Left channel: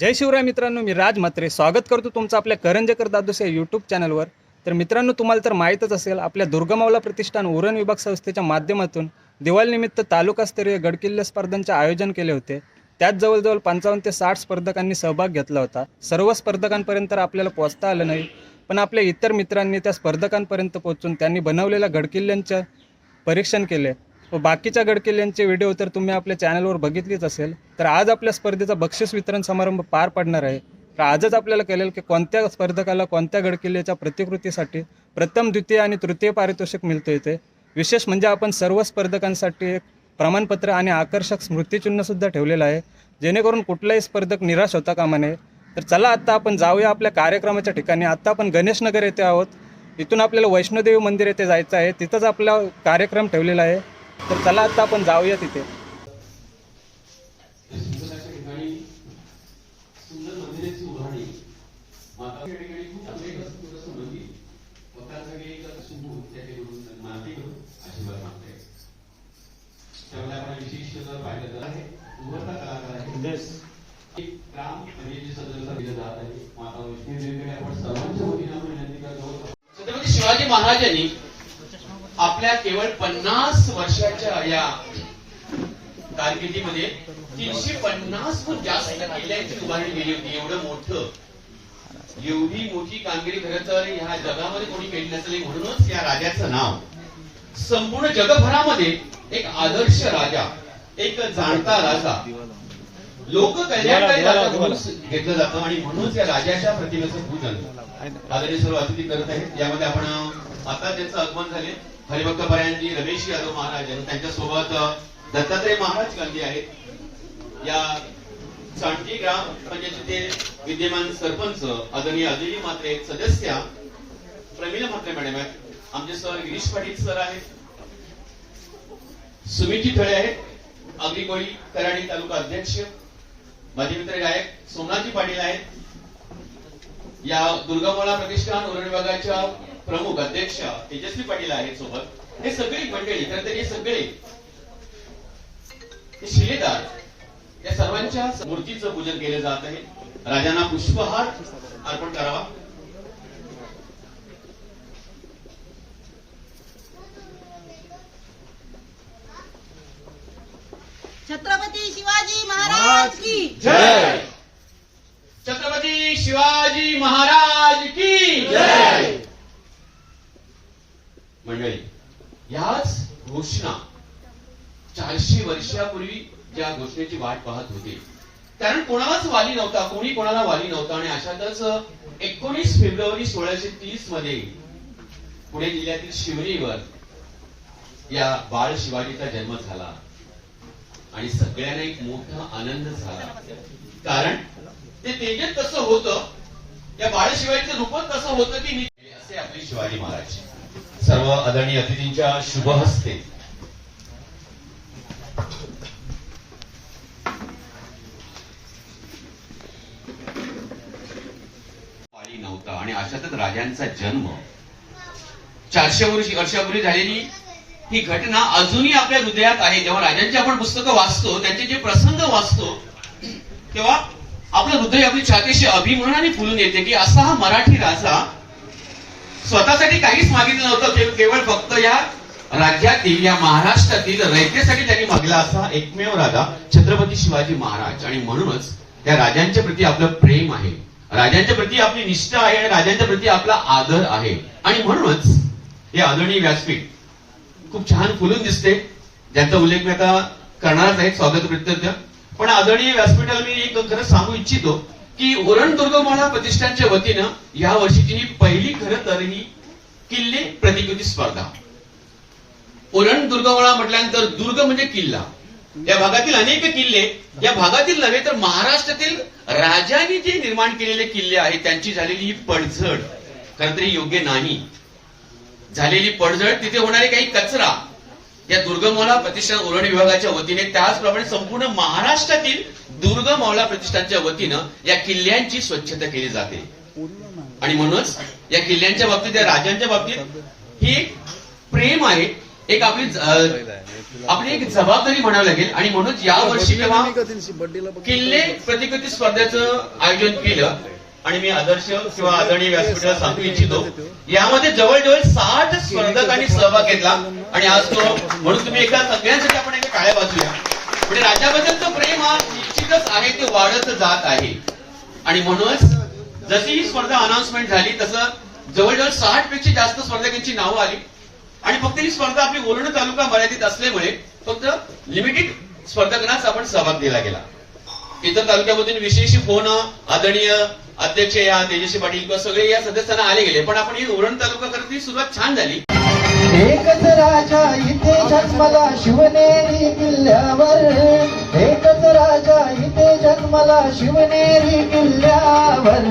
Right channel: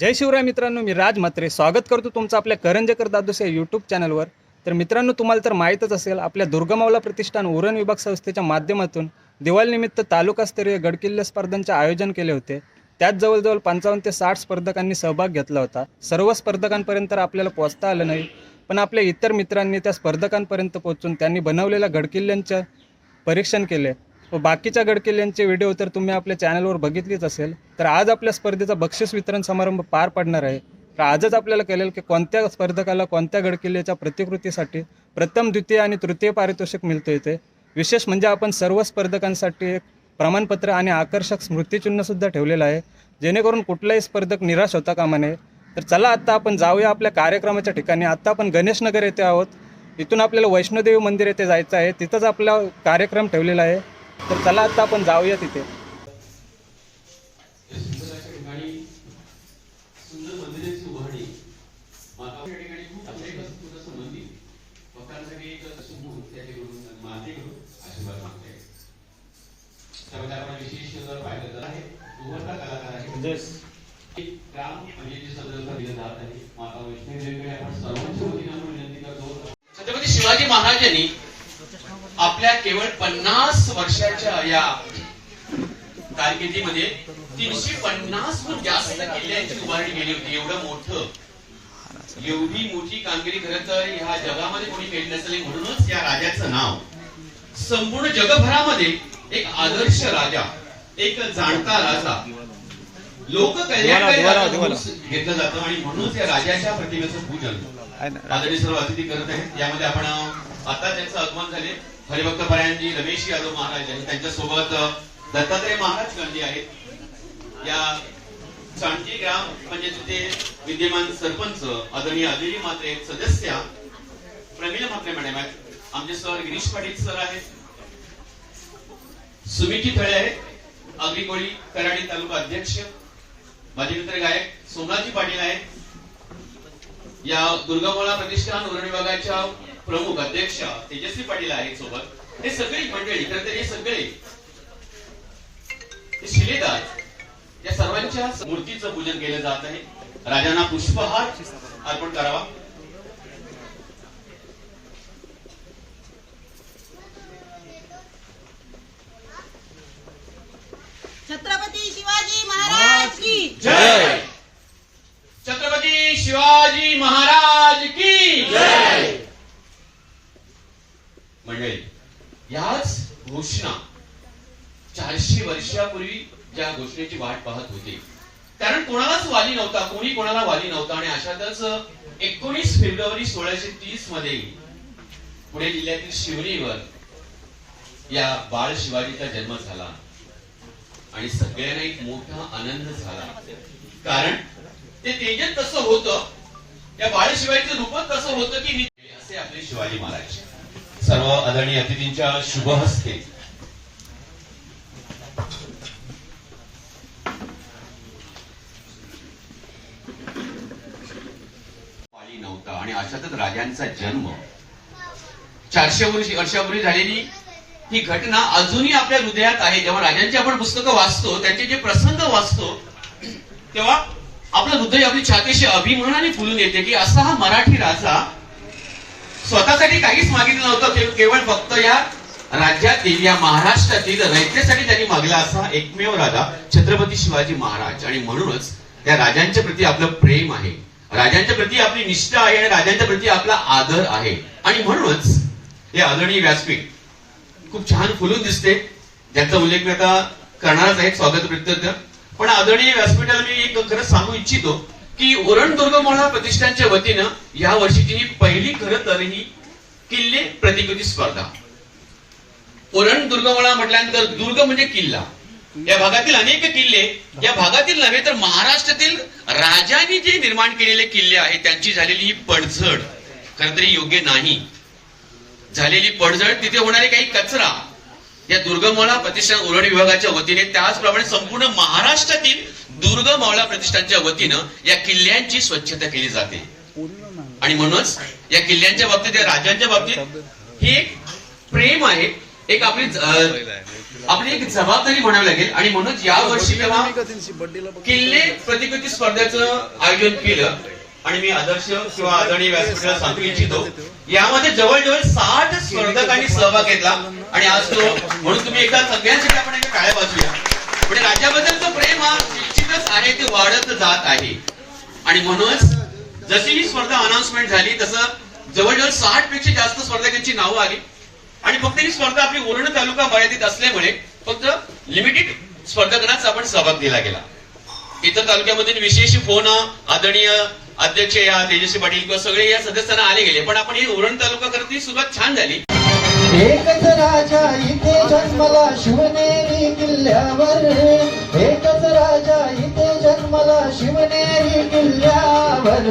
जय शिवराय मित्रांनो मी राज म्हात्रे. स्वागत करतो तुमचं आपल्या करंजेकर दादूस या यूट्यूब चॅनलवर तर मित्रांनो तुम्हाला तर माहीतच असेल आपल्या दुर्गमावला प्रतिष्ठान उरण विभाग संस्थेच्या माध्यमातून दिवाळीनिमित्त तालुकास्तरीय गडकिल्ले स्पर्धांचे आयोजन केले होते. त्यात जवळजवळ पंचावन्न ते साठ स्पर्धकांनी सहभाग घेतला होता. सर्व स्पर्धकांपर्यंत आपल्याला पोहोचता आलं नाही. पण आपल्या इतर मित्रांनी त्या स्पर्धकांपर्यंत पोहोचून त्यांनी बनवलेल्या गडकिल्ल्यांचं परीक्षण केले. व बाकीच्या गडकिल्ल्यांचे व्हिडिओ तर तुम्ही आपल्या चॅनलवर बघितलीच असेल. तर आज आपल्या स्पर्धेचा बक्षीस वितरण समारंभ पार पडणार आहे. तर आजच आपल्याला कळेल की कोणत्या स्पर्धकाला कोणत्या गडकिल्ल्याच्या प्रतिकृतीसाठी प्रथम द्वितीय आणि तृतीय पारितोषिक मिळतो येते विशेष म्हणजे आपण सर्व स्पर्धकांसाठी एक प्रमाणपत्र आणि आकर्षक स्मृतिचिन्हसुद्धा ठेवलेलं आहे. जेणेकरून कुठलाही स्पर्धक निराश होता कामा नये. तर चला आत्ता आपण जाऊया आपल्या कार्यक्रमाच्या ठिकाणी. आत्ता आपण गणेशनगर येथे आहोत. इथून आपल्याला वैष्णोदेवी मंदिर येथे जायचं आहे. तिथंच आपला कार्यक्रम ठेवलेला आहे. तर चला आत्ता आपण जाऊया तिथे छत्रपती शिवाजी महाराजांनी आपल्या केवळ पन्नास वर्षाच्या या कारकिर्दीमध्ये तीनशे पन्नास हून जास्त किल्ल्यांची उभारणी केली होती. एवढं मोठं. एवढी मोठी कामगिरी खरं तर ह्या जगामध्ये कोणी केली नसेल म्हणूनच या राजाचं नाव. संपूर्ण जगभरामध्ये एक आदर्श राजा एक जाणता राजा लोक कल्याणकारी घेतलं जातं आणि म्हणूनच या राजाच्या प्रतिमेचं पूजन. आदरणीय सर्व अतिथी करत आहेत. यामध्ये आपण आता त्यांचं आगमन झाले हरिभक्त परायणजी रमेश यादव महाराज आहेत त्यांच्यासोबत दत्तात्रय महाराज गांधी आहेत. या चांडजी ग्राम म्हणजे पंचायतीचे विद्यमान सरपंच आदरणीय अदिती मात्रे सदस्य. प्रमिला मात्रे मॅडम आहेत. आमचे सर गिरीश पाटील सर आहेत. सुमिती फळे आहेत. अगदी कराडी तालुका अध्यक्ष. माझे मित्र गायक सोमनाथजी पाटील आहेत. या दुर्गामोळा प्रतिष्ठान उरण विभागाच्या प्रमुख अध्यक्ष तेजस्वी पाटील आहेत सोबत. हे सगळी मंडळी खरं तर हे सगळे शिलेदार या सर्वांच्या मूर्तीचं पूजन केलं जात आहे. राजांना पुष्पहार अर्पण करावा. छत्रपती शिवाजी महाराज की जय! छत्रपती शिवाजी महाराज की जय! मंडळी याच घोषणा चारशे वर्षापूर्वी ज्या घोषणेची वाट पाहत होती. कारण कोणालाच वाली नव्हता कोणी कोणाला वाली नव्हता आणि अशातच एकोणीस फेब्रुवारी सोळाशे तीसमध्ये पुणे जिल्ह्यातील शिवणीवर या बाळ शिवाजीचा जन्म झाला. आणि सगळ्यांना एक मोठा आनंद झाला. कारण ते तेजत तसं होतं त्या बाळ शिवाजीचं रूपच तसं होतं की असे आपले शिवाजी महाराज. सर्व आदरणीय अतिथींच्या शुभ हस्ते. पाळी नव्हता आणि अशातच राजांचा जन्म. चारशे वर्षी वर्षापूर्वी झालेली ही घटना अजूनही आपल्या हृदयात आहे. जेव्हा राजांची आपण पुस्तकं वाचतो त्यांचे जे प्रसंग वाचतो तेव्हा आपलं हृदय आपली छातीशी अभिमानाने फुलून येते की असा हा मराठी राजा स्वतःसाठी काहीच मागितलं नव्हतं ते केवळ फक्त या राज्यातील या महाराष्ट्रातील रयतेसाठी त्यांनी मागला असा एकमेव राजा छत्रपती शिवाजी महाराज. आणि म्हणूनच त्या राजांच्या प्रती आपलं प्रेम आहे. राजांच्या प्रती आपली निष्ठा आहे आणि राजांच्या प्रती आपला आदर आहे. आणि म्हणूनच हे आदरणीय व्यासपीठ खूप छान फुलून दिसते. ज्याचा उल्लेख मी आता करणारच आहे स्वागत प्रत्यर्थ पण आदरणीय व्यासपीठाला मी एक खरं सांगू इच्छितो. की उरण दुर्गमाळा प्रतिष्ठानच्या वतीनं या वर्षीची ही पहिली खरं तर ही किल्ले प्रतिकृती स्पर्धा. उरण दुर्गमळा म्हटल्यानंतर दुर्ग म्हणजे किल्ला. या भागातील अनेक किल्ले या भागातील नव्हे तर महाराष्ट्रातील राजांनी जे निर्माण केलेले किल्ले आहेत त्यांची झालेली ही पडझड. खरं तरी योग्य नाही. झालेली पडझड तिथे होणारे काही कचरा या दुर्गमौला प्रतिष्ठान उरण विभागाच्या वतीने त्याचप्रमाणे संपूर्ण महाराष्ट्रातील दुर्गमौला प्रतिष्ठानच्या वतीनं या किल्ल्यांची स्वच्छता केली जाते. आणि म्हणूनच या किल्ल्यांच्या बाबतीत या राजांच्या बाबतीत हे एक प्रेम आहे. एक आपली आपली एक जबाबदारी म्हणावी लागेल. आणि म्हणून या वर्षी किंवा किल्ले प्रतिकृती स्पर्धेचं आयोजन केलं आणि मी आदर्श किंवा आदरणीय व्यासपीठाला सांगू इच्छितो यामध्ये जवळजवळ साठ स्पर्धकांनी सहभाग घेतला. आणि आज तो म्हणून तुम्ही एका सगळ्यांसाठी आपण एका टाळ्या वाजूया म्हणजे राज्याबद्दलचं प्रेम हा निश्चितच आहे ते वाढत जात आहे. आणि म्हणूनच जशी ही स्पर्धा अनाउन्समेंट झाली तसं जवळजवळ साठपेक्षा जास्त स्पर्धकांची नावं आली. आणि फक्त ही स्पर्धा आपली उरण तालुका मर्यादित असल्यामुळे फक्त लिमिटेड स्पर्धकांनाच आपण सहभाग दिला गेला. इतर तालुक्यामधून विशेष फोन आदरणीय अध्यक्ष या तेजस्वी पाटील किंवा सगळे या सदस्यांना आले गेले पण आपण ही उरण तालुका करत सुरुवात छान झाली. एकच राजा इथे जन्मला शिवनेरी किल्ल्यावर. एकच राजा इथे जन्मला शिवनेरी किल्ल्यावर.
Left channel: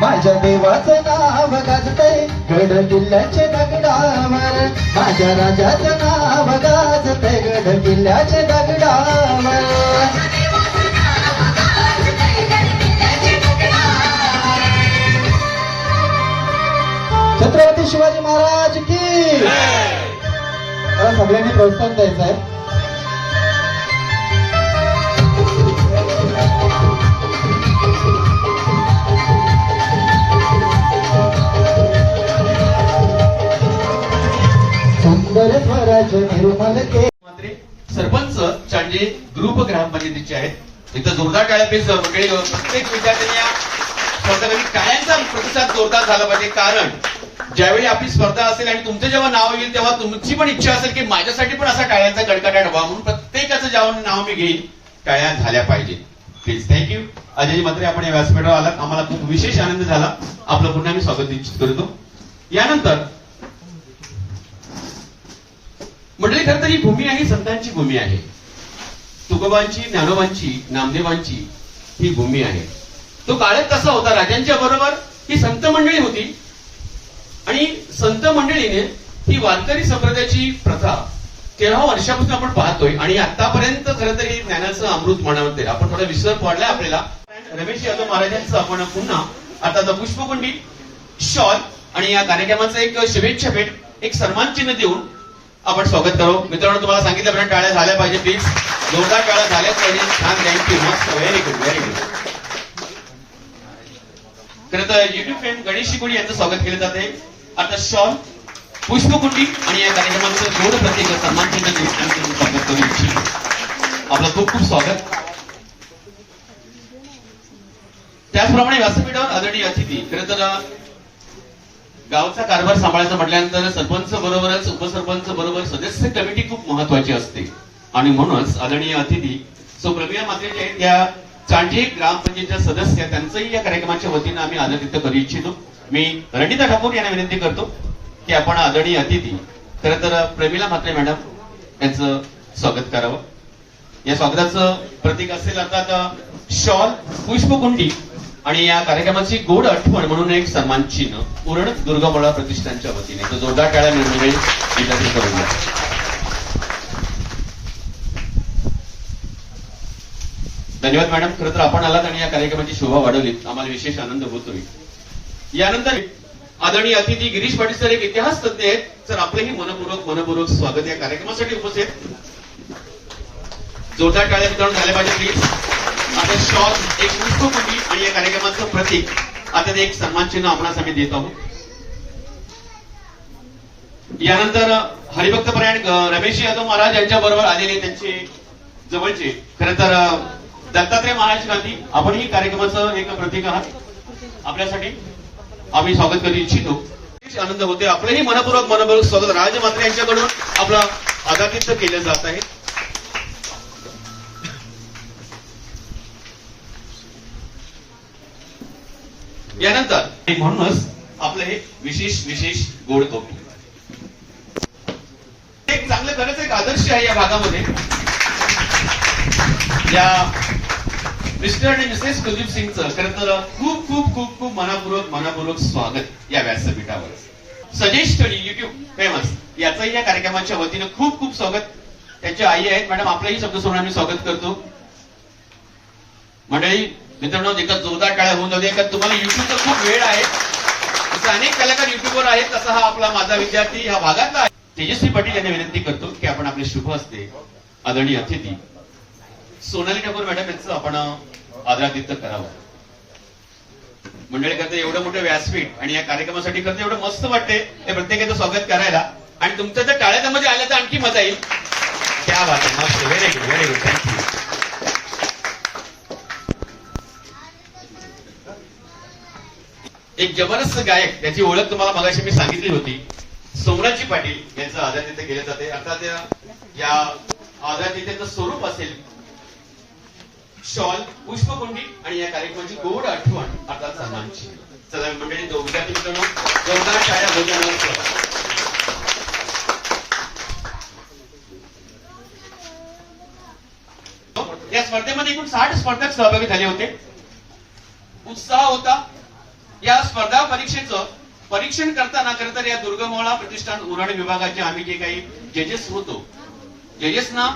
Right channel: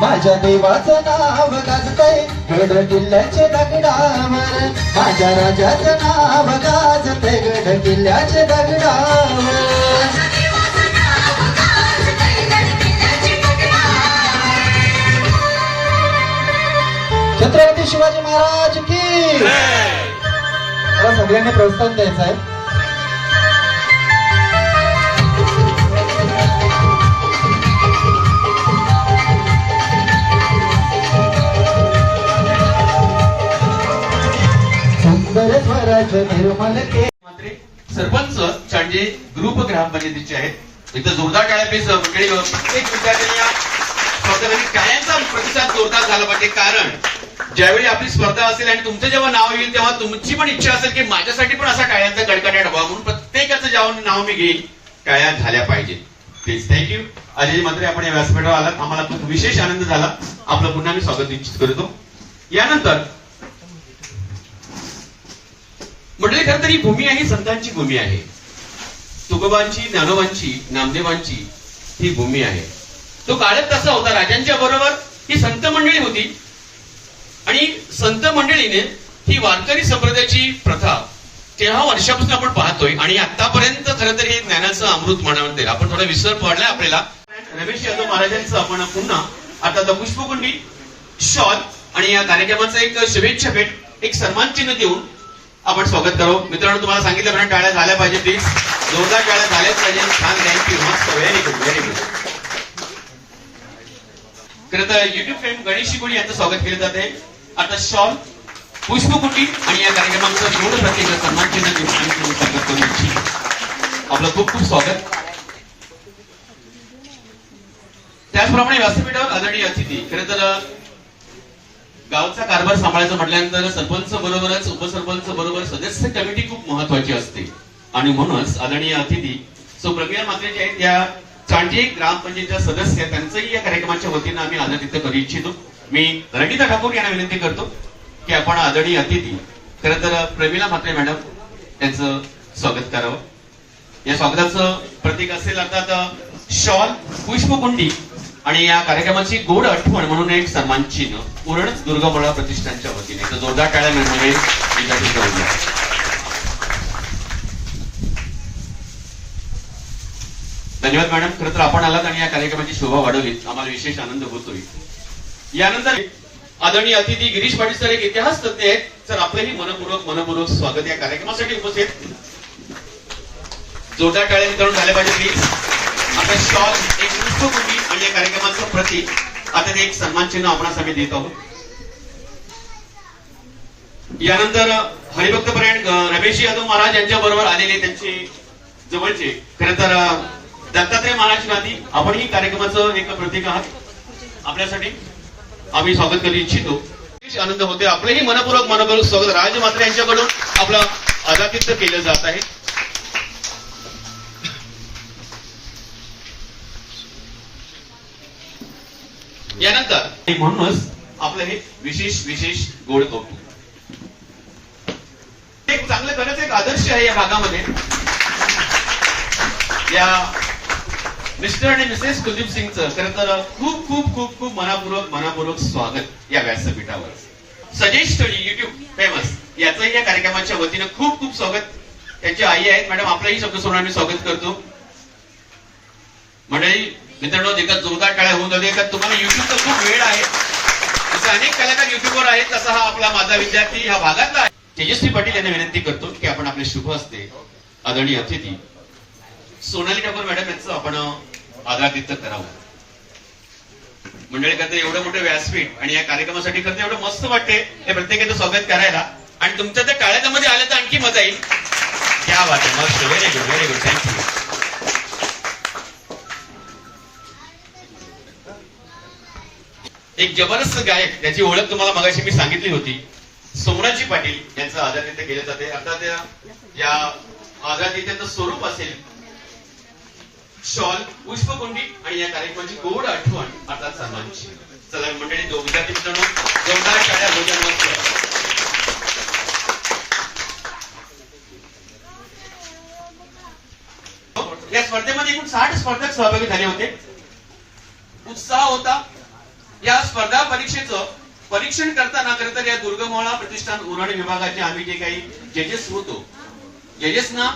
माझ्या देवाचं नाव गाजतय गड किल्ल्याचे दगडावर. माझ्या राजाचं नाव गाजतय गड किल्ल्याचे दगडावर. सगळ्यांनी प्रोत्साहन द्यायचं आहे. सरपंच चांजे ग्रुप ग्रामपंचायतीचे आहेत. इथं जोरदार टाळ्या पेस मंडळी प्रत्येक विद्यार्थ्यांनी या स्पर्धेमध्ये कायांचा प्रतिसाद जोरदार झाला पाहिजे. कारण ज्यावेळी आपली स्पर्धा असेल आणि तुमचं जेव्हा नाव येईल तेव्हा तुमची पण इच्छा असेल की माझ्यासाठी पण असा टाळ्यांचा कडकडाट व्हावा म्हणून प्रत्येकाचं जेव्हा नाव मी घेईल टाळ्या झाल्या पाहिजे. प्लीज थँक्यू अजय मात्र आपण या व्यासपीठावर आलात. आम्हाला खूप विशेष आनंद झाला. आपलं पुन्हा मी स्वागत निश्चित करतो. यानंतर मंडळी खरं तर ही भूमी आहे ही संतांची भूमी आहे. तुकोबांची ज्ञानोबांची नामदेवांची ही भूमी आहे. तो काळच कसा होता. राजांच्या बरोबर ही संत मंडळी होती. आणि संत मंडळीने ही वारकरी संप्रदायाची प्रथा तेव्हा वर्षापासून आपण पाहतोय आणि आतापर्यंत खरं तर हे ज्ञानाचं अमृत म्हणते आपण थोडा विसर पडलाय आपल्याला. रमेश यादव महाराजांचं आपण पुन्हा आता द पुष्पकुंडी शॉल आणि या कार्यक्रमाचं एक शुभेच्छा भेट एक सन्मान चिन्ह देऊन आपण स्वागत करू. मित्रांनो तुम्हाला सांगितल्याप्रमाणे टाळ्या झाल्या पाहिजे प्लीज जोरदार टाळ्या झाल्याच पाहिजे. छान थँक्यू मस्त व्हेरी गुड व्हेरी गुड खरं तर युट्यूब फेम गणेश शिकोडी यांचं स्वागत केलं जाते आता शॉल पुष्पकुटी आणि या कार्यक्रमाचं एवढं प्रत्येक सन्मान चिन्ह देऊन स्वागत करू इच्छितो. आपलं खूप खूप स्वागत. त्याचप्रमाणे व्यासपीठावर आदरणीय अतिथी खरं तर गावचा कारभार सांभाळायचा म्हटल्यानंतर सरपंच बरोबरच उपसरपंच बरोबर सदस्य कमिटी खूप महत्वाची असते. आणि म्हणूनच आदरणीय अतिथी सो प्रज्ञा मात्रे जे आहेत त्या चांडे ग्रामपंचायतीच्या सदस्य त्यांचंही या कार्यक्रमाच्या वतीनं आम्ही आदरातिथ्य करू इच्छितो. मी रणिता ठाकूर यांना विनंती करतो की आपण आदरणीय अतिथी खरं तर प्रमिला म्हात्रे मॅडम यांचं स्वागत करावं. या स्वागताचं प्रतीक असेल अर्थात शॉल पुष्पकुंडी आणि या कार्यक्रमाची गोड आठवण म्हणून एक सन्मान चिन्ह पूर्ण दुर्गामळा प्रतिष्ठानच्या वतीने. तर जोरदार टाळ्या मिळवणे विनंती करून द्या. धन्यवाद मॅडम. खरं तर आपण आलात आणि या कार्यक्रमाची शोभा वाढवली आम्हाला विशेष आनंद होतोय. यानंतर आदरणीय अतिथी गिरीश पाटील सर एक इतिहास तज्ञ आहेत. सर आपलेही मनपूर्वक मनपूर्वक स्वागत या कार्यक्रमासाठी उपस्थित. जोरदार टाळ्या मित्रांनो पाहिजे प्लीज आता शॉल एक पुष्पकुंडी आणि या कार्यक्रमाचं प्रतीक. आता ते एक सन्मान चिन्ह आपणास आम्ही देत आहोत. यानंतर हरिभक्त परायण रमेश यादव महाराज यांच्या बरोबर आलेले त्यांचे जवळचे. खरं तर दत्तात्रय महाराज गांधी आपणही कार्यक्रमाचं एक प्रतीक आहात. आपल्यासाठी आम्ही स्वागत करू इच्छितो. विशेष आनंद होते आपलंही मनपूर्वक मनपूर्वक स्वागत. राज मात्रे यांच्याकडून आपलं आदातिथ्य केलं जात आहे. यानंतर म्हणूनच आपलं हे विशेष विशेष गोड कौतुक एक चांगलं खरंच एक आदर्श आहे या भागामध्ये. या मिस्टर आणि मिसेस कुलदीप सिंगचं खरं तर खूप खूप खूप खूप मनापूर्वक मनापूर्वक स्वागत या व्यासपीठावर. सजेश स्टडी युट्यूब फेमस याचंही या कार्यक्रमाच्या वतीनं खूप खूप स्वागत. त्यांच्या आई आहेत मॅडम आपलंही शब्द सोडून स्वागत करतो. मंडळी मित्रांनो एका जोरदार टाळ्या होऊन जाऊ का तुम्हाला युट्यूबचा खूप वेळ आहे. जसे अनेक कलाकार युट्यूबवर आहेत तसा हा आपला माझा विद्यार्थी ह्या भागातला आहे. तेजस्वी पाटील यांना विनंती करतो की आपण आपले शुभ असते आदरणीय अतिथी सोनाली ठाकूर मॅडम यांचं आपण आदरातिथ्य करावं. मंडळी करता एवढं मोठं व्यासपीठ आणि या कार्यक्रमासाठी करते एवढं मस्त वाटतंय. ते प्रत्येकाचं स्वागत करायला. आणि तुमच्या त्या टाळ्याच्या मध्ये आलं तर आणखी मजा येईल. त्या बात आहे. मस्त. Very good very good thank you एक जबरदस्त गायक त्याची ओळख तुम्हाला मगाशी मी सांगितली होती. सोमराजी पाटील यांचं आदरातिथ्य केलं जाते. अर्थात या- या आदरातिथ्याचं स्वरूप असेल शॉल पुष्पकुंडी आणि या कार्यक्रमाची गोड आठवण अर्थात सन्मानची चला मंडळी दोन विद्यार्थी मित्रांनो जेवणाच्या शाळा भोजन या स्पर्धेमध्ये एकूण साठ स्पर्धक सहभागी झाले होते. उत्साह होता. या स्पर्धा परीक्षेचं परीक्षण करताना खरं तर या दुर्गमोळा प्रतिष्ठान उरण विभागाचे आम्ही जे काही जजेस होतो जजेसना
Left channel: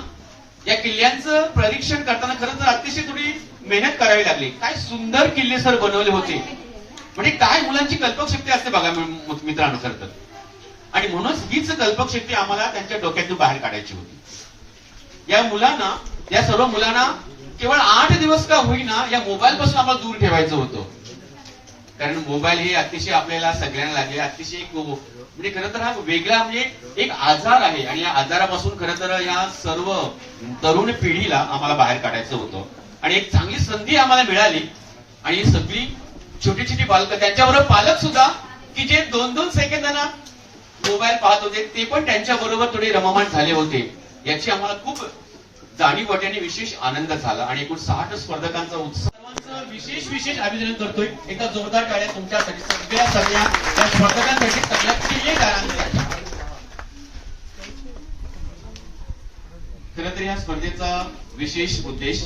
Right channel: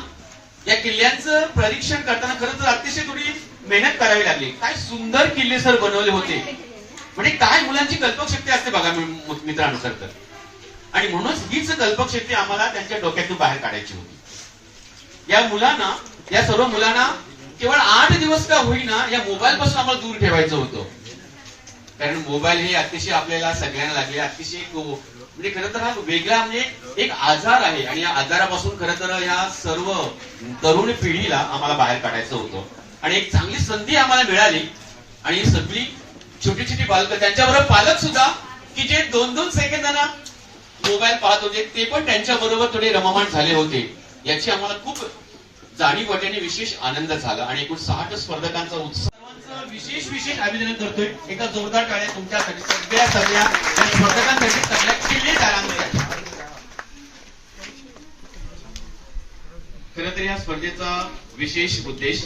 या किल्ल्यांचं परीक्षण करताना खरं तर अतिशय थोडी मेहनत करावी लागली. काय सुंदर किल्ले सर बनवले होते. म्हणजे काय मुलांची कल्पकशक्ती असते बघा मित्रांनो सर तर. आणि म्हणूनच हीच कल्पकशक्ती आम्हाला त्यांच्या डोक्यातून बाहेर काढायची होती. या मुलांना या सर्व मुलांना केवळ आठ दिवस का होईना या मोबाईल पासून आम्हाला दूर ठेवायचं होतं. कारण मोबाईल हे अतिशय आपल्याला सगळ्यांना लागले अतिशय एक म्हणजे खरं तर हा वेगळा म्हणजे एक आजार आहे. आणि या आजारापासून खरं तर या सर्व तरुण पिढीला आम्हाला बाहेर काढायचं होतं. आणि एक चांगली संधी आम्हाला मिळाली. आणि ही सगळी छोटी छोटी बालकं त्यांच्याबरोबर पालक सुद्धा की जे दोन दोन सेकंदांना मोबाईल पाहत होते ते पण त्यांच्या बरोबर थोडे रममाण झाले होते. याची आम्हाला खूप जाणीव वाटली आणि विशेष आनंद झाला. आणि एकूण साठ स्पर्धकांचा उत्साह विशेष विशेष अभिनंदन करतोय. एकदा जोरदार टाळ्या तुमच्यासाठी सगळ्या सगळ्या या स्पर्धकांसाठी सगळ्या किल्लेदारांना खर तर या स्पर्धेचा विशेष उद्देश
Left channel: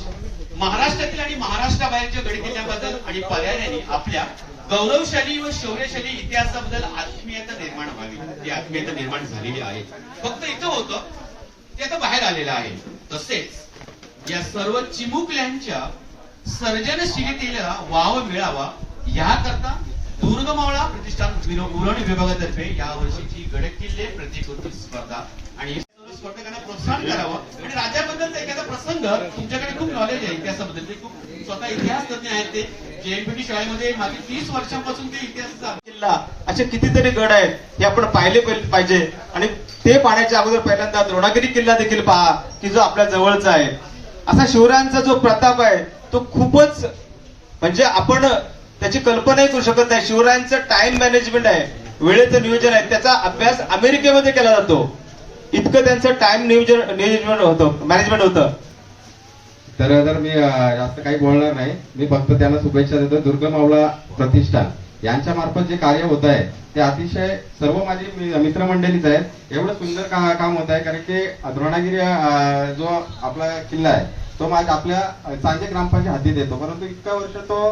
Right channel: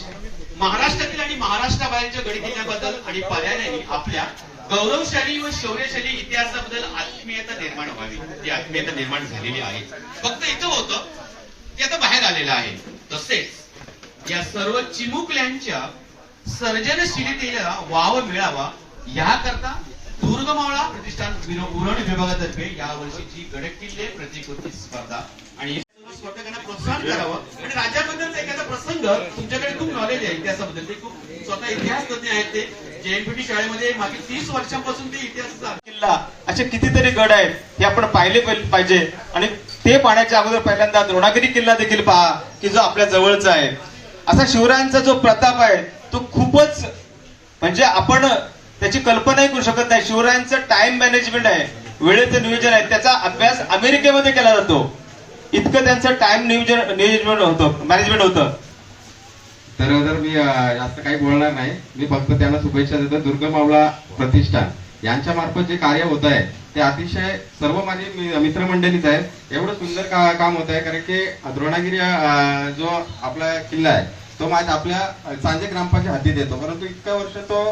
महाराष्ट्रातील आणि महाराष्ट्राबाहेरच्या गडी किल्ल्याबद्दल आणि पर्यायाने आपल्या गौरवशाली व शौर्यशाली इतिहासाबद्दल आत्मीयता निर्माण व्हावी. ती आत्मीयता निर्माण झालेली आहे. फक्त इथं होतं ते आता बाहेर आलेलं आहे. तसेच या सर्व चिमुकल्यांच्या सर्जनशीलतेला वाव मिळावा याकरता दुर्गमावळा प्रतिष्ठान उरण विभागातर्फे या वर्षीची गडकिल्ले प्रतिकृती स्पर्धा. आणि सर्व स्पर्धकांना प्रोत्साहन करावं. आणि राज्याबद्दलचा एखादा प्रसंग तुमच्याकडे खूप नॉलेज आहे इतिहासाबद्दल. ते खूप स्वतः इतिहास तज्ञ आहेत ते. जेएनपीटी शाळेमध्ये मागील तीस वर्षांपासून ते इतिहास किल्ला असे कितीतरी गड आहेत हे आपण पाहिले पाहिजे. आणि ते पाहण्याच्या अगोदर पहिल्यांदा द्रोणागिरी किल्ला देखील पहा की जो आपल्या जवळचा आहे. असा शिवरायांचा जो प्रताप आहे तो खूपच म्हणजे आपण त्याची कल्पनाही करू शकत नाही. शिवरायांचं टाइम मॅनेजमेंट आहे वेळेचं नियोजन आहे. त्याचा अभ्यास अमेरिकेमध्ये केला जातो. इतकं त्यांचं टाइम नियोजन नियोजन होतं मॅनेजमेंट होतं. तर जर मी जास्त काही बोलणार नाही मी फक्त त्यांना शुभेच्छा देतो. दुर्गमावळा प्रतिष्ठान. यांच्या मार्फत जे कार्य होत आहे ते अतिशय सर्व माझे मित्रमंडळीच आहेत. एवढं सुंदर का- काम होत आहे कारण की द्रोणागिरी जो आपला किल्ला आहे तो माझ्या आपल्या सांजे ग्रामपंचायत हाती देतो. परंतु इतक्या वर्ष तो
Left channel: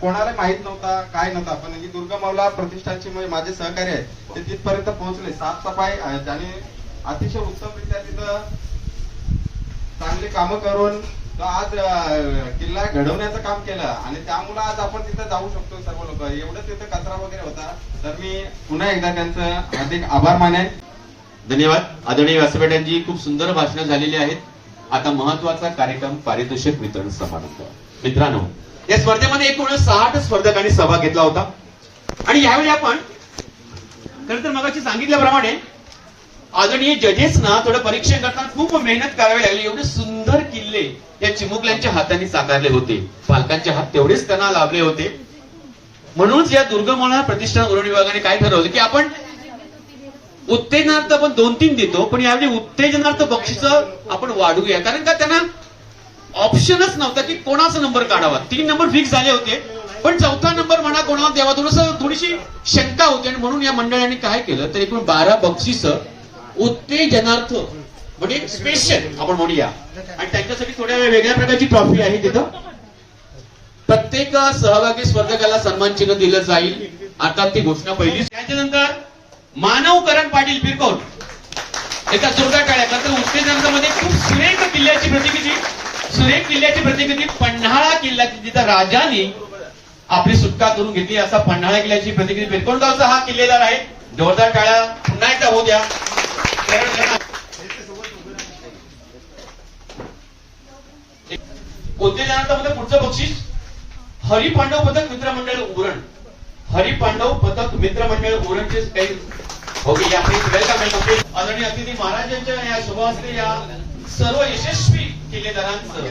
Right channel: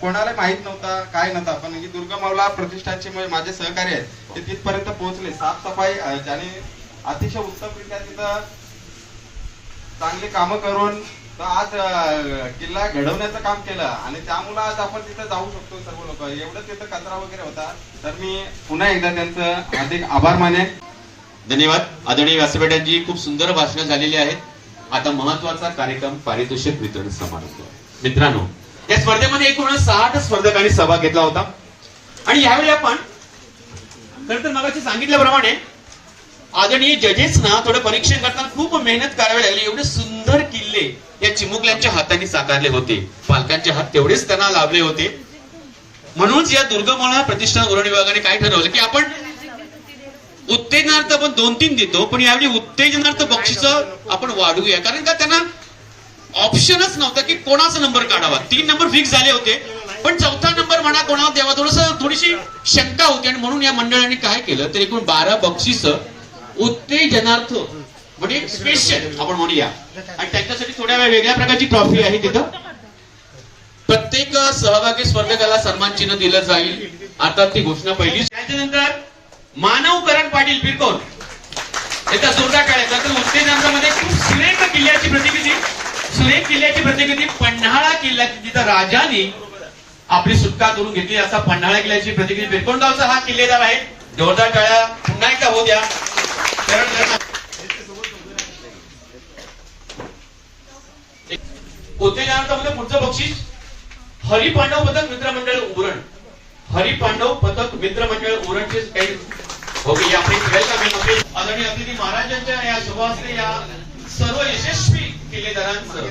कोणाला माहीत नव्हता काय नव्हता. पण ही दुर्गमावला प्रतिष्ठानचे म्हणजे माझे सहकारी आहेत ते तिथपर्यंत पोहोचले. साफसफाई अं, ज्याने अतिशय उत्तमरित्या तिथं चांगली कामं करून तो आज किल्ला घडवण्याचं काम केलं. आणि त्यामुळे आज आपण तिथे जाऊ शकतो सर्व लोक. एवढं तिथं कचरा वगैरे होता. तर मी पुन्हा एकदा त्यांचं हार्दिक आभार मानेन. धन्यवाद. आदरणीय व्यासपीठांची खूप सुंदर भाषणं झालेली आहेत. आता महत्त्वाचा कार्यक्रम पारितोषिक वितरण समारंभ. मित्रांनो या स्पर्धेमध्ये एकूण सहा स्पर्धकांनी सहभाग घेतला होता. आणि यावेळी आपण खर तर मगाशी सांगितल्याप्रमाणे आदरणीय जजेस ना थोडं परीक्षण करताना खूप मेहनत करावी लागली. एवढे सुंदर किल्ले या चिमुकल्यांच्या हाताने साकारले होते. पालकांचे हात तेवढेच त्यांना लाभले होते. म्हणूनच या दुर्गमोळा प्रतिष्ठान उरण विभागाने काय ठरवलं की आपण उत्तेजनार्थ आपण दोन तीन देतो पण यावेळी उत्तेजनार्थ बक्षीस आपण वाढवूया. कारण का त्यांना ऑप्शनच नव्हता की कोणाचा नंबर काढावा. तीन नंबर फिक्स झाले होते. पण चौथा नंबर म्हणा कोणाला द्यावा थोडस थोडीशी शंका होती. आणि म्हणून या मंडळाने काय केलं तर एकूण बारा बक्षीस उत्तेजनार्थ म्हणजे स्पेशल आपण म्हणूया. आणि त्यांच्यासाठी थोड्या वेगळ्या प्रकारची ट्रॉफी आहे तिथं. प्रत्येक सहभागी स्पर्धकाला सन्मान चिन्ह दिलं जाईल. आता ती घोषणा पहिली त्याच्यानंतर मानव करण पाटील पिरकोन एका जोरदार टाळ्या. कारण उत्तेजनामध्ये खूप सुरेख किल्ल्याची प्रतिकृती सुरेख किल्ल्याची प्रतिकृती पन्हाळा किल्ला जिथं राजाने आपली सुटका करून घेतली. असा पन्हाळा किल्ल्याची प्रतिकृती पिरकोणगावचा हा किल्लेदार आहे. जोरदार टाळ्या. पुन्हा एकदा होऊ द्या. सरळ पुढचं बक्षीस. हरिपांडव पथक मित्रमंडळ उरण. हरिपांडव पथक मित्रमंडळ उरणचे काही ओके या प्लीज वेलकम आदरणीय अतिथी महाराजांच्या या शुभहस्ते या सर्व यशस्वी किल्लेदारांचं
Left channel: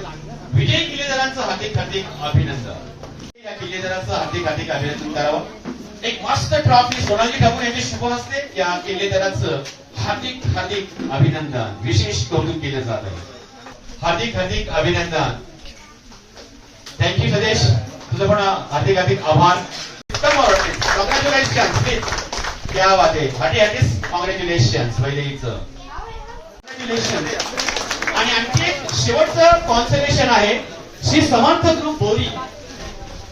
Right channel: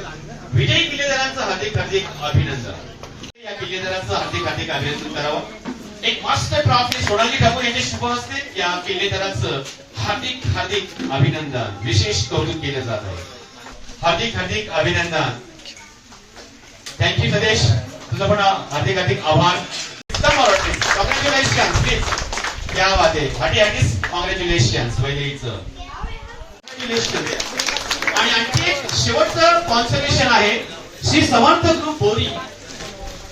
विजयी किल्लेदारांचं हार्दिक हार्दिक अभिनंदन। या किल्लेदारांचं हार्दिक हार्दिक अभिनंदन करावं। एक मस्त ट्रॉफी सोनाली ठाकूर यांच्या शुभहस्ते या किल्लेदारांचं हार्दिक हार्दिक अभिनंदन विशेष कौतुक केलं जात आहे. हार्दिक हार्दिक अभिनंदन. Thank you Sadesh. तुझं पण हार्दिक हार्दिक आभार. उत्तम क्या बात आहे भाटी हार्टिस कॉंग्रॅच्युलेशन पहिलेच आणि आणखी एक शेवटचं कॉन्सर्वेशन आहे श्री समर्थ ग्रुप बोरी.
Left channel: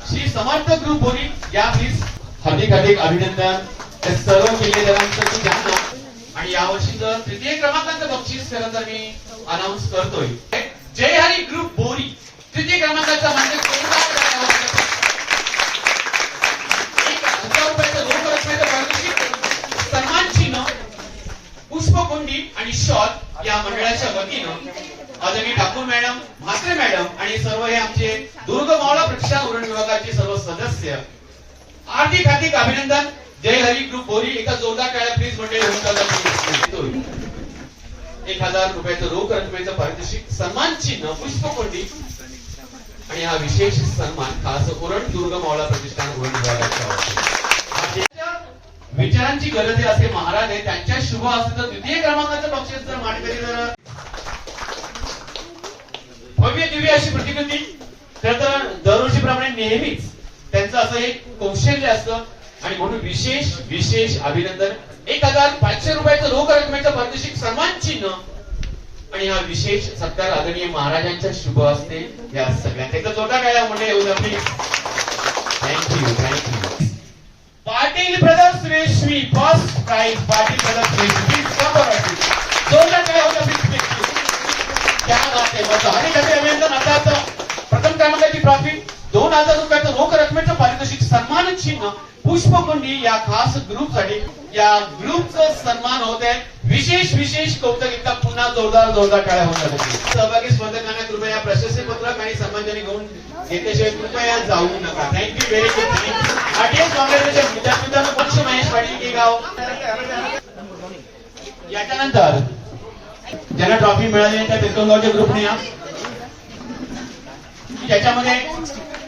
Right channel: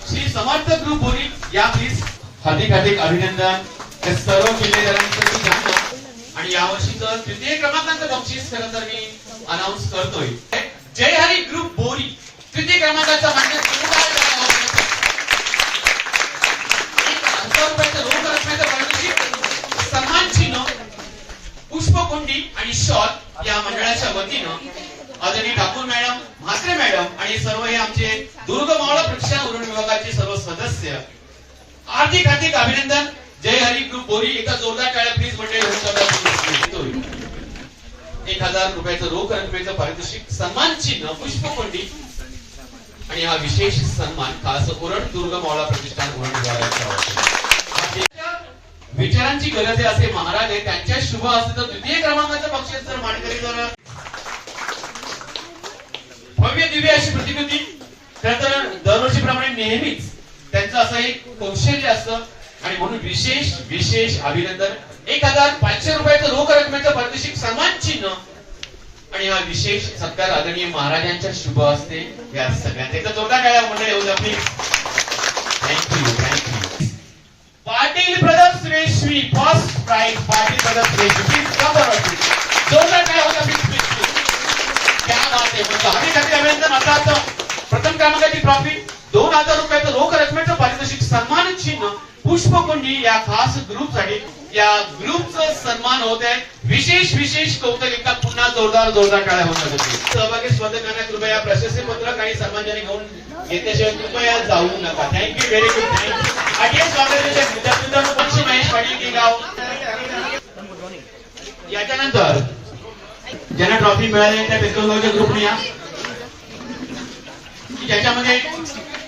श्री समर्थ ग्रुप बोरी या प्लीज हार्दिक हार्दिक अभिनंदन. त्या सर्व किल्लेदारांचं मी जाणतो आणि यावर्षीचं तृतीय क्रमांकाचं बक्षीस खरं तर मी अनाऊन्स करतोय. जय हरी ग्रुप बोरी. तृतीय क्रमांकाचा म्हणजे पुष्पकुंडी आणि शॉल या मंडळाच्या वतीनं आदरणीय ठाकूर मॅडम म्हात्रे मॅडम आणि सर्व हे आमचे दुर्ग मावळा प्रतिष्ठान उरण विभागाचे सर्व सदस्य आर्थिक हार्दिक अभिनंदन. जय हरी ग्रुप बोरी एका जोरदार टाळ्या प्लीज मंडळी एक हजार रुपयाचं रोख रकमेचं पारितोषिक सन्मान चिन्ह पुष्पकोंडी आणि हा विशेष सन्मान खास उरण दुर्ग मावळा प्रतिष्ठान उरण विभागाचा विचारांची गरज आहे असे महाराज आहे त्यांच्या शुभ असते तर द्वितीय क्रमांकाचं बक्षीस जर मानकरी जर भव्य दिव्य अशी प्रतिकृती. खरं तर दरवर्षीप्रमाणे नेहमीच त्यांचं असं एक कौशल्य असतं. आणि म्हणून विशेष विशेष अभिनंदन. एक हजार पाचशे रुपयाचं रोख रकमेचं पारितोषिक सन्मान चिन्ह. आणि हा विशेष सत्कार आदरणीय महाराजांच्या शुभ असते या सगळ्या त्याचा जोरदार टाळ्या म्हणजे येऊ द्या please thank you thank you Patil brothers Reshmi first prize Patil brothers Reshmi please come बरोबर जोरदार काय होता प्लीज प्लीज क्या बात आहे मस्त. आम्ही खाते अभिनंदन. आता आता प्रथम क्रमांकाची प्राप्ती. दोन हजार रुपयाचं रोख रकमेचं पारितोषिक सन्मान चिन्ह पुष्पकुंडी या खास ग्रुपसाठी या ग्रुपचं सन्मान होत आहे. विशेष विशेष कौतुक एकदा पुन्हा जोरदार जोरदार टाळ्या होत होती सहभागी स्पर्धकांना कृपया प्रशस्ती पत्र काही समाजाने घेऊन घेतल्याशिवाय कृपया जाऊ नका. थँक्यू व्हेरी गुड थँक्यू आठवण काँग्रेसचे विद्यार्थी पंच महेश पाटील की गाव. याच्यानंतर ज्यांना ट्रॉफी मिळाली त्या पेट्रोल ग्रुपने या. त्याच्यामध्ये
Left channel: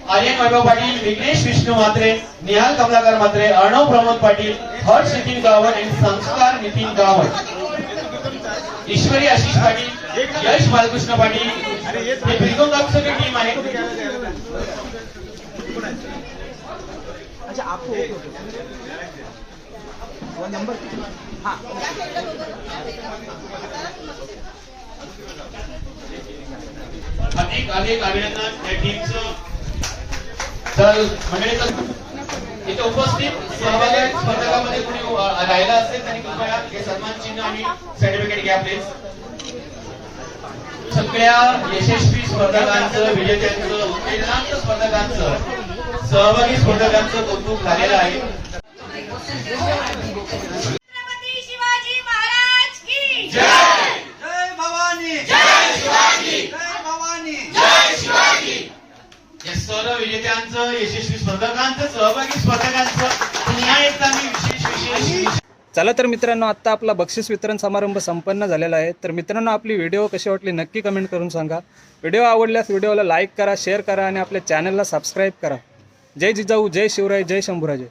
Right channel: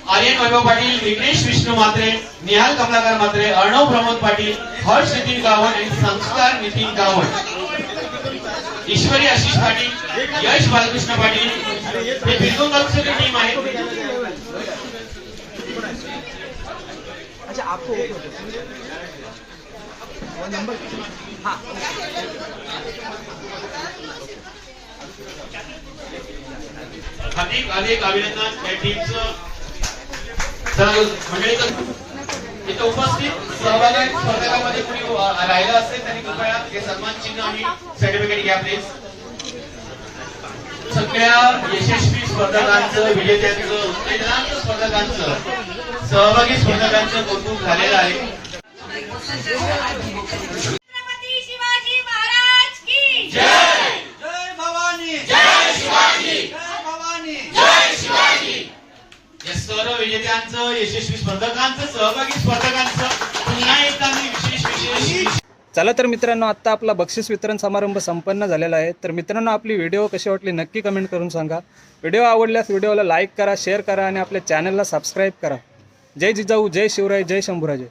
आर्यन वैभव पाटील विघ्नेश विष्णू मात्रे निहाल कमलाकर मात्रे अर्णव प्रमोद पाटील हर्ष नितीन गावण आणि संस्कार नितीन गावण ईश्वरी आशिष पाटील यश बालकृष्ण पाटील. हे पिस्तोलगावची सगळी टीम आहे. अनेक अनेक अभिनंदन. या टीमचं मंडळीचं इथे उपस्थित सहभागी स्पर्धकामध्ये कोणी राहिलं असेल त्यांनी कृपया हे सन्मान चिन्ह आणि सर्टिफिकेट घ्या प्लीज सगळ्या यशस्वी स्पर्धकांचं विजेत्यांचं उत्तेजनांत स्पर्धकांचं सहभागी स्पर्धकांचं कौतुक झालेलं आहे. छत्रपती शिवाजी महाराज की या सर्व विजेत्यांचं यशस्वी स्पर्धकांचं सहभागी स्पर्धकांचं पुन्हा एकदा मी विशेष विशेष. चला तर मित्रांनो आत्ता आपला बक्षीस वितरण समारंभ संपन्न झालेला आहे. तर मित्रांनो आपली व्हिडिओ कशी वाटली नक्की कमेंट करून सांगा. व्हिडिओ आवडल्यास व्हिडिओला लाईक करा शेअर करा आणि आपल्या चॅनलला सबस्क्राईब करा. जय जिजाऊ जय शिवराय जय शंभूराजे.